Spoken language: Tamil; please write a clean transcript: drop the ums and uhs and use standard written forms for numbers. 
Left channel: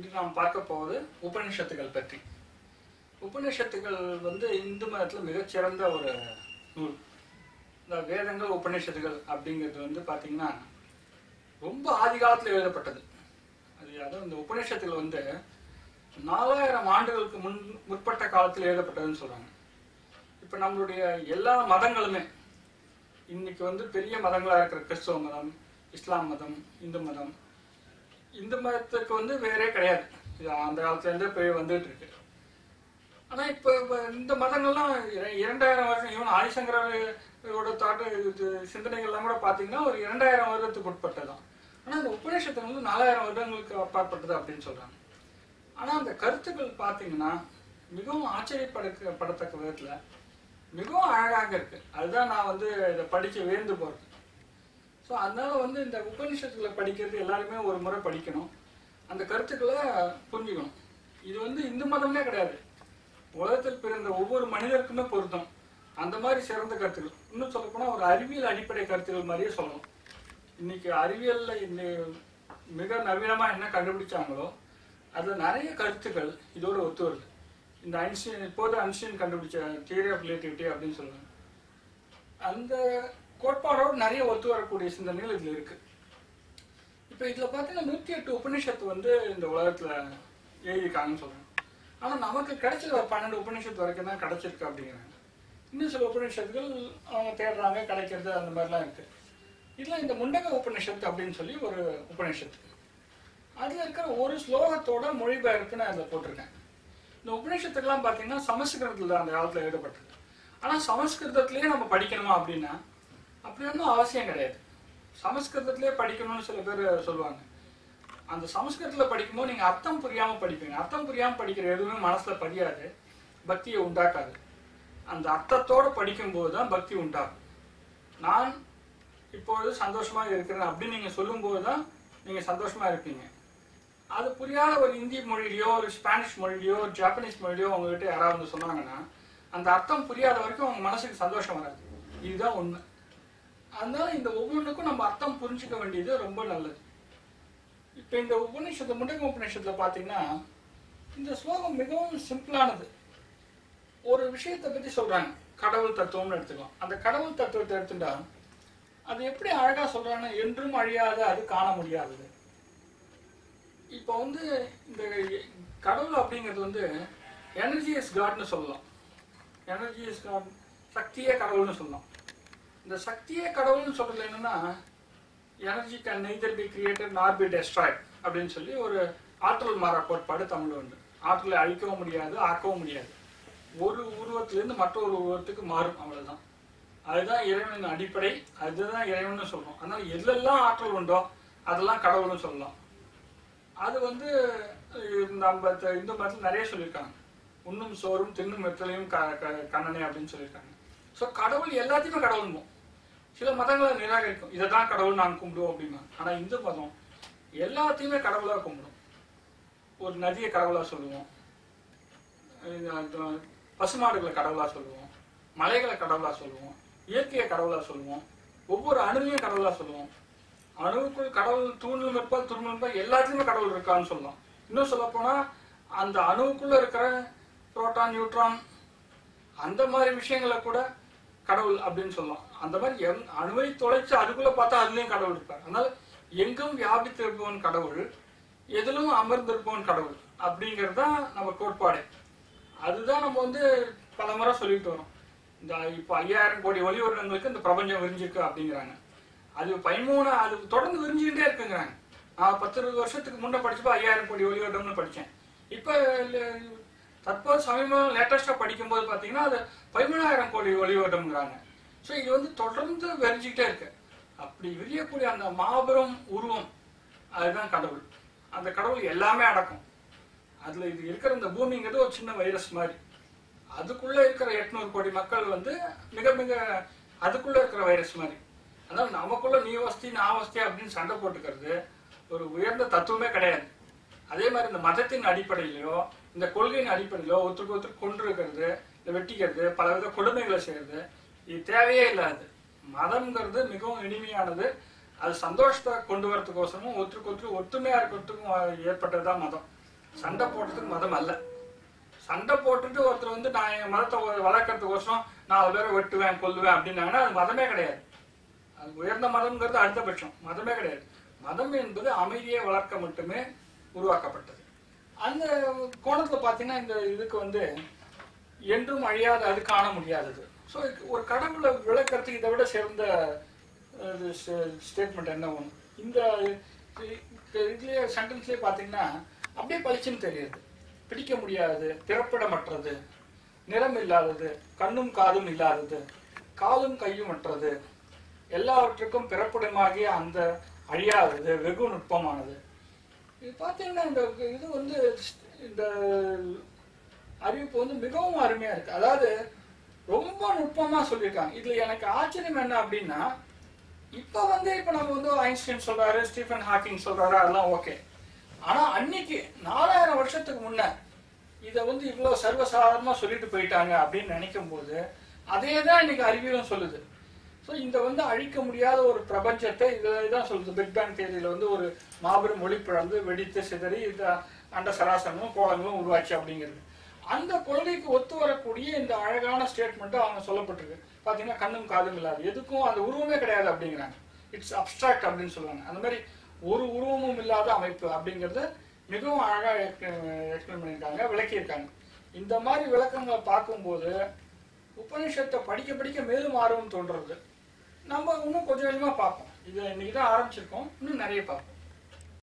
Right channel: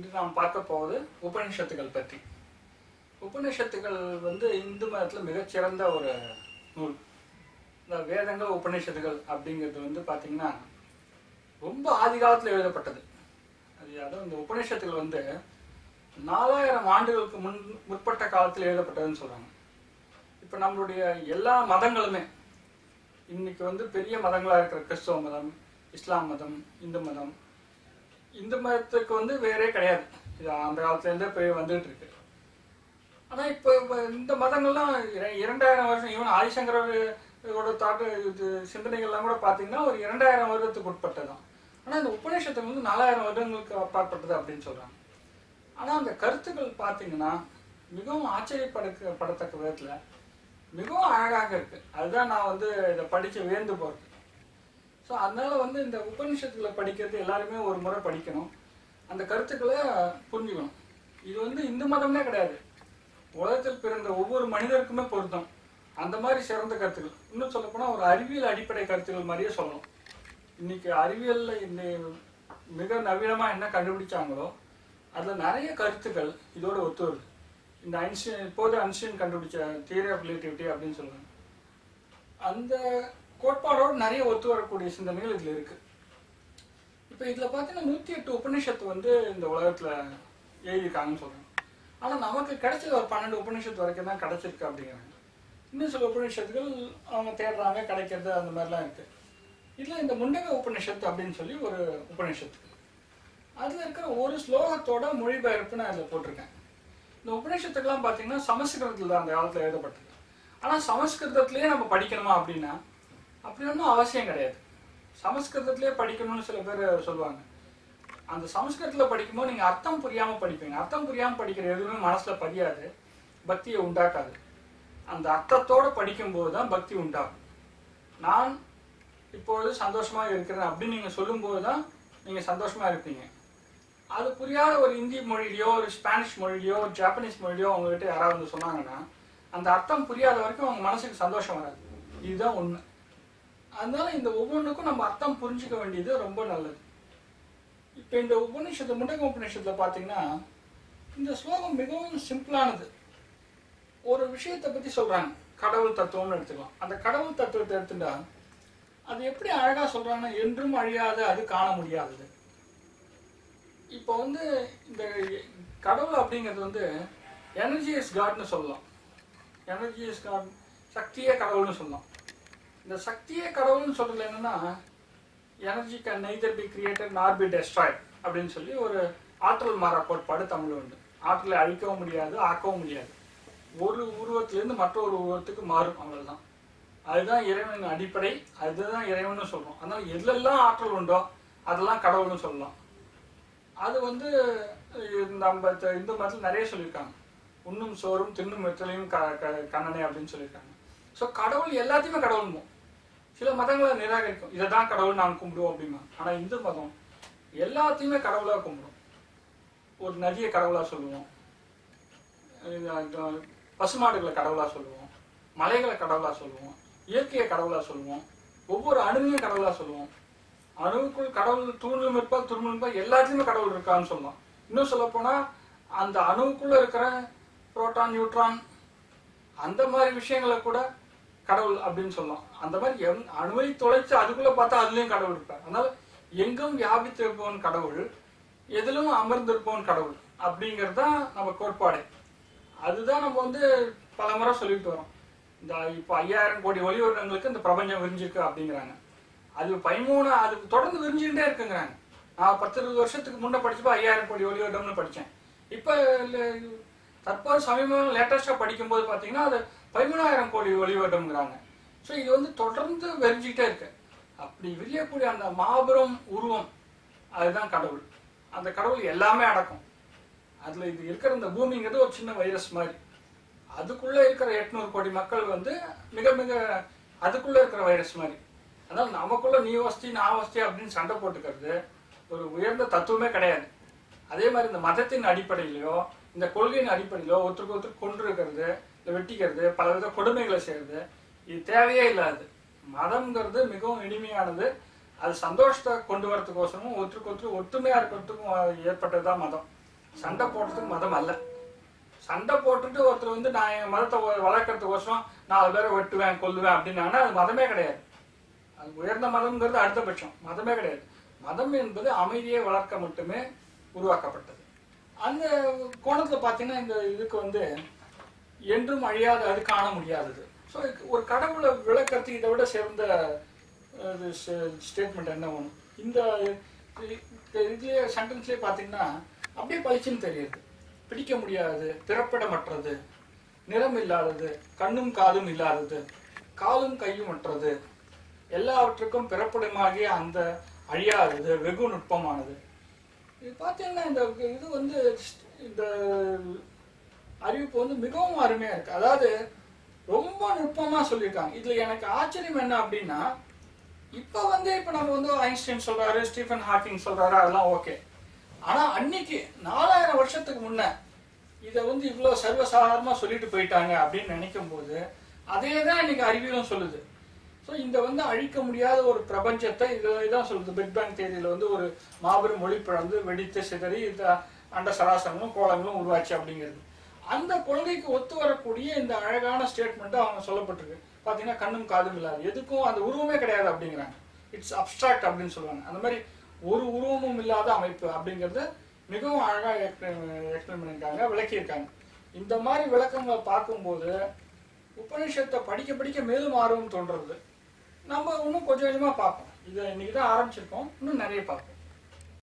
இன்று நாம் பார்க்க போவது உபநிஷத்துகள் பற்றி. உபநிஷத்துகள் இந்து மதத்தில் மிகச்சிறந்த ஒரு நூல். இந்த வேதங்கள் உபநிஷத்துகள் அப்படிங்கிறது பார்த்தீங்கன்னா ரொம்ப ஆதி காலத்தில் எழுதப்பட்டது. அதுவும் இந்த உபநிஷத்துகள் 4000 ஆண்டுகளுக்கு முற்பட்ட காலத்தில் எழுதப்பட்டதுன்னு சொல்றாங்க. இப்போ நம்மளுடைய எல்லா மதங்களுமே இன்னைக்கு பெரிய மதங்களாக இருக்கிற கிறிஸ்தவ மதம், இஸ்லாம் மதம், இந்து மதம், இந்த மதத்துக்கு வேறே கிடையாது. இது அந்த காலத்துலேருந்தே போய் வந்துட்டு இருக்கு. ஆனால் இப்போ இந்த மதங்கள்லாம் 2000 வருஷம், ஈவன் ஆதிசங்கரோட சிந்தனைகள்லாம் கூட பார்த்தீங்கன்னா ஒரு 2000 வருடத்துக்கு உட்பட்டதான். ஆனால் இந்த உபநிஷத்துக்கு 4000 வருடங்களுக்கு அப்பாற்பட்டது அப்படின்னு சொல்கிறாங்க. ஆனால் அந்த கருத்துக்கள் பார்த்தீங்கன்னா மிகவும் ஆச்சரியப்படத்தக்க விதத்தில் மிகவும் அழகாக இருக்குது. அதுதான் நான் இதை படித்து வியந்து போகிறது. ஸோ அதனால் இந்த உபநிஷத்துக்களை படிக்கிறது எல்லாருமே ஒரு முறை படிக்கணும். அந்த கருத்துக்களை புரிஞ்சுக்கணும். இது இந்து மதமே கிடையாது, உலகத்தில் பிறந்த ஒவ்வொரு மனிதருக்குமே பொருத்தம். அந்த மாதிரி சிறந்த கருத்துக்கள், இன்னும் சொல்லப்போனால் ஒரு அறிவியல் அடிப்படை கருத்துக்கள் மாதிரியே சொல்லணும். இன்னைக்கு அறிவியலில் இந்த மிக நவீனமாக என்ன கண்டுபிடிச்சாங்களோ அதில் நிறைய கருத்துக்கள் இதோட ஒத்து வருது. இந்த இப்போது ஐன்ஸ்டீன் கண்டுபிடிச்ச தியரி ஆஃப் ரிலேட்டிவிட்டி அப்படின்னு சொல்லுவாங்க. அந்த கோட்பாடோடு நிறைய ஒத்து வரக்கூடிய சிந்தனைகள் இதில் இருக்கு. இப்போ இதில் பார்த்தீங்கன்னா 108 உபநிஷத்து இந்த உலகத்தில் எழுதியிருக்காங்கன்னு சொல்கிறாங்க. ஆனால் நமக்கு கிடைச்சது ஒரு 12 உபநிஷத்து வரைக்கும் தான் கிடைச்சிருக்கு அப்படிங்கிறாங்க. இன்னும் சில உபநிஷத்துகள் அவங்க தேடுறாங்க, கிடைக்கிறது, அந்த மாதிரிலாம் இருக்கு. இதில் இந்த முண்டக உபநிஷத்து அப்படின்னு சொல்லி ஒரு உபநிஷத்து, அதில் இருக்கிற ஒரு ஸ்லோகத்தோட மொழிபெயர்ப்பு நான் அதில் போட்டிருக்கேன். இந்த உபநிஷத்துக்கெல்லாம் பார்த்தீங்கன்னா சமஸ்கிருதத்தில் தான் அந்த காலத்தில் எழுதப்பட்டது. ஆனால் சமஸ்கிருதத்திலேயே நம்ம படிக்கணுமா அப்படின்னா அப்படி ஒன்றும் அவசியம் கிடையாது. சமஸ்கிருதத்திலே படிக்கணும்னு சில பேர் சொல்லுவாங்க. அந்த சமஸ்கிருதத்தில் படிக்கும்போது நீங்கள் அர்த்தம் புரியாமல் படிப்பீங்க. அர்த்தம் புரியாமல் படிக்கிற எதுவுமே மனசில் பதியாது, பக்தியை உண்டாக்காது. அந்த அர்த்தத்தோடு படிக்கும்போது தான் பக்தி உண்டாகும். நான் இப்பொழுது சந்தோஷமாக இருக்கிறேன் அப்படின்னு நீங்கள் சொல்லும்போது தான் நீங்கள் சந்தோஷமாக இருப்பீங்க. அது புரியாத ஒரு இந்தி மொழியிலையோ, ஒரு ஸ்பானிஷ் மொழியிலையோ, ஒரு ஜாப்பனீஸ் மொழியிலையோ அவங்ககிட்ட யாராவது சொன்னாங்கன்னா அந்த அர்த்தம் புரியாத வரைக்கும் அவங்க மனசுக்கு சந்தோஷம் வராது. இதுதான் உண்மை. அதனால இந்த ஒவ்வொன்றுக்கும் நம்ம அர்த்தம் புரிஞ்சுக்க வேண்டியது ரொம்ப நல்லது. இப்போ இந்த உபநிஷத்து, முண்டக உபநிஷத்தில் பார்த்தீங்கன்னா இந்த ஸ்லோகம் மிகவும் சிம்பிளானது. ஒரு விஷயத்தை பற்றி சொல்கிறாங்க, கடவுள் தத்துவம்னு எடுத்துக்கலாம். அந்த கடவுள் தத்துவத்தை எடுத்துட்டா அது எப்படி அழகாக சொல்கிறாங்கன்னா, என்றும் அழியாத, அது காண முடியாதது. இப்போ இந்த கடவுள் அப்படிங்கிறது எனர்ஜி இஸ் காட்னு சொல்லலாம். எனர்ஜி இஸ் காட், சக்தியே கடவுள்னு சொல்லலாம். இந்த சக்தியே கடவுள்னு சொல்றது என்னன்னா, energy can neither be created நார் பி டெஸ்ட்ராய்ட் அப்படின்னு சொல்லி ஒரு ஆற்றல் மாறா கோட்பாடு தமிழ் உண்டு. ஆற்றலை அழிக்கவும் முடியாது, ஆக்கவும் முடியாது. ஒரு உருவத்திலிருந்து மற்றொரு உருவத்துக்கு மாறும், அவ்வளவுதான். அதுதான் இறைவனின் அடிப்படை, அதுதான் இறைவன் சொல்றோம். அதனால எதெல்லாம் ஆற்றல் உண்டோ அதெல்லாம் கடவுள்னு சொல்லலாம். அது நம்ம இந்து மதத்தில் நிறைய சொல்லியிருக்காங்க. உண்ணும் சோறும் தின்னும் வெற்றிலையும் கண்ணனே அப்படின்னு சொல்லியிருக்காங்க. ஸோ கடவுள் எல்லாத்தையுமே கடவுள்மோ. சில மதங்களை நிராகரிக்கும், இதை தான் கடவுள் நாங்கள் கும்பிடுவோம் அப்படிமா. ஆனால் இந்து மதம் எல்லாத்தையுமே கடவுளாக கும்பிடும். ஒரு நதியை கடவுளாக சொல்லுவோம், பசுமாடுகளை கடவுளாக சொல்லுவோம், மலைகளை கடவுளாக சொல்லுவோம், இயற்கையை கடவுளாக சொல்லுவோம், ஒவ்வொரு அணுவையும் கடவுளாக சொல்லுவோம். அணுவுக்குள் கடவுள் தூணிலும் இருப்பால் துரும்பிலும் இருப்பால், எல்லாத்துலேயுமே கடவுள் இருக்கான்னு சொல்லலாம். இன்னும் சொல்ல போனால் அந்த அணுவுக்குள்ள இருக்கிற புரோட்டான், நியூட்ரான், அந்த மாதிரி விஷயங்களை கூட கடவுள் அப்படின்னு சொல்லலாம். அந்த மாதிரி அணுவை தொலைச்சு அதுக்குள்ள பார்த்தா அதுலயும் கடவுள் இருப்பார். அதனால எங்கும் வியாபித்திருப்பவன் கடவுள், எதிலும் அமர்ந்திருப்பவன் கடவுள் அப்படிங்கிறது தான் நம்ம கோட்பாடு. அதுதான் நம்ம பல முறை சொல்லிட்டு வரோம். இந்த இப்போ 5000 கோடி ஒளி வருடங்களுக்கு இந்த பிரபஞ்சம் விரிஞ்சிருக்கு அப்படிங்கிறாங்க. அது 13 அது தொடர்ந்து விரிஞ்சுக்கிட்டே இருக்குங்கிறாங்க. நான் 10-20 வருஷத்துக்கு முன்னே படிச்சப்போ 5000 கோடி ஒளி வருடம்னு படித்தேன். இப்போ தற்போது சமீபம் லேட்டஸ்டாக படிக்கும்போது பார்த்தீங்கன்னா அது 13,000 கோடி ஒளி வருடம்ங்கிறாங்க. ஸோ இது தொடர்ந்து விரிஞ்சிக்கிட்டே இருக்கு. அப்படி விரியக்கூடிய அந்த மாபெரும் உருவம் அதுதான் கடவுள். அந்த கடவுள் எல்லாமே அடக்கும். அதில் இது இருக்கிற இந்த பூமிங்கிறது ஒரு சின்ன வைரஸ் மாதிரி. அதுக்குள்ளே இருக்கிற 800 கோடி மக்கள் மிக மிக அதுக்குள்ளே இருக்கிற வைரஸ் மாதிரி. அதனால் நமக்குள்ள நீ வசதி நான் வசதி அப்படின்னு சண்டை போட்டுக்கிறது ஒரு உயர்ந்த தத்துவமே கிடையாது. அதே மாதிரி இந்த மதத்தின் அடிப்படையிலையோ இந்த கொள்கையின் அடிப்படையிலோ ஒருத்தருக்கு ஒருத்தர் கொண்டு இருக்கிறது, இல்லை வெட்டிக்கிறது, பலவித கொடுமைகளை செய்யறது, இது தேவையே இல்லாது. மதம்ங்கிறது மிகவும் இனிமையானது. அது சந்தோஷத்தை கொண்டு வரதுக்கோசரமும் ஒருத்தருக்கு ஒருத்தர் ஒத்துமையா இருக்கிறதுக்கும் ஏற்பட்டதுதான் மதம். சண்டை போடுறதுக்கு மதம் அல்ல. சண்டை போட்டுட்டு ஒருத்தர் வந்து நான் என் மதத்தை வளர்க்கறதுக்கோசரம் 4 பேரை வெட்டுவேன் கொல்லுவேன் அப்படின்னாங்கன்னா அது மதமே கிடையாது. அது உயர்ந்த மதம்ங்கிறது அடுத்த பட்சம், மதமே கிடையாது. மதம் என்பது அமைதியை வளர்க்க மட்டுமே உருவாக்கப்பட்டது. அந்த கோணத்துல பாத்தீங்கன்னா இந்த இதுக்கு வந்து என்றும் அழியாத, அது காண முடியாதது. ஸோ ஒரு கடவுளை விளக்கறதுக்கு இதை விட சிறந்த ஸ்டேட்மெண்ட் என்ன ஒன்று? இந்த இதுலயே சென்டென்ஸ்லயே பாத்தீங்கன்னா அப்படியே பளிச்சுன்னு தெரியுது. பிடிக்க முடியாதது, பிறப்பிடமற்றது, நிறம் இல்லாதது, கண்ணும் காதும் இல்லாதது, காலும் கையும் அற்றது, எல்லாவற்றுக்கும் பிறப்பிடமாகிய அந்த அழியாதது, வெகு நுட்பமானது. இது பார்த்தீங்கன்னா இந்த இது வந்து இந்த அறிவிப்பு வந்து மிகவும் அருமையா இருக்கு. அதாவது ரொம்ப நுட்பமா சொல்லியிருக்காங்க. இதுல எனக்கு ஆச்சரியம் என்ன அப்படின்னா, இப்ப நம்ம வந்து ஐன்ஸ்டைன் சொல்றாரு, ஸ்டீஃபன் ஹாக்கிங் சொல்றாரு, அதெல்லாம் ஓகே. ஆனா அன்னைக்கு 4000 வருஷத்துக்கு முன்ன இதை வந்து இவ்வளவு சர்வசாதாரணமா சொல்லிட்டு போயிட்டாங்க அப்படின்னு நினைக்கும் போது அதே தான் இன்னைக்கு அறிவியலும் சொல்லுது. ஸோ இந்த வந்து அழிக்க முடியாத ஒரு பிரபஞ்சத்தை இதான் சொல்லுது. பிக் பேங் தியரியில வந்து ஒரு மாபெரும் ஒளி பிளந்து வெடித்து சிதறி இந்த அண்ட சராசரமும் கோளங்களும் உருவாச்சு அப்படிங்கிறது. அந்த கொள்கைக்கு ஒத்து வரக்கூடிய இந்த அழகான ஸ்டேட்மெண்ட் அவங்க சொல்லப்பட்டிருக்கு. பாத்தீங்கன்னா கண்ணும் காதும் இல்லாது, எதுக்கும் அந்த உருவமே கிடையாது அப்படிங்கிறாங்க. இட்ஸ் அப்டிராக்ட் அப்படின்னு சொல்லுவாங்க. அந்த மாதிரி ஒரு உருவமும் இல்லாத அமைப்பு அப்படிங்கறது மிகவும் அழகா எக்ஸ்பிளைன் பண்ணியிருக்காங்க, விளக்கியிருக்காங்க. இந்த மாதிரி விளக்கங்களை பார்க்கும்போது உபநிஷத்தை படிக்க படிக்க மேலும் ஆர்வம் தோன்றது. நம்ம இன்னும் கொஞ்சம் கொஞ்சமா பார்ப்போம். இது இன்னைக்கு தான் ஆரம்பிச்சிருக்கோம், இன்னும் நிறைய பார்ப்போம்.